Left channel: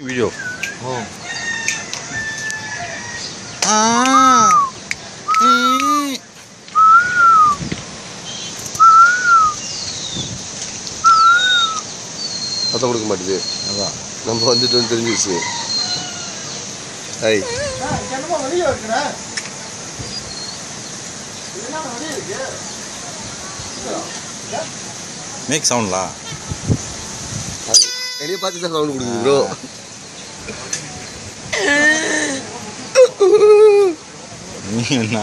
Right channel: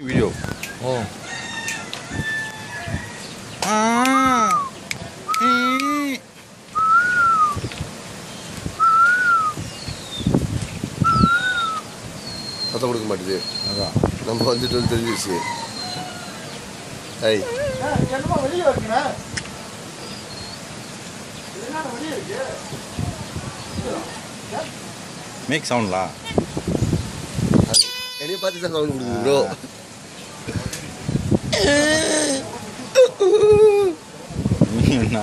Video. Oh. அத கொடுக்க மாட்டேது. அதான் நம்ம வந்துட்டோம்னு தெரிஞ்சிச்சு. ஐ என்னமா வெளிய வரீங்கடா? என்ன வெளிய இருக்கு? Make sound la. வெளிய பார்த்து தான் சவுண்ட் கொடுக்குது bro. நீ என்ன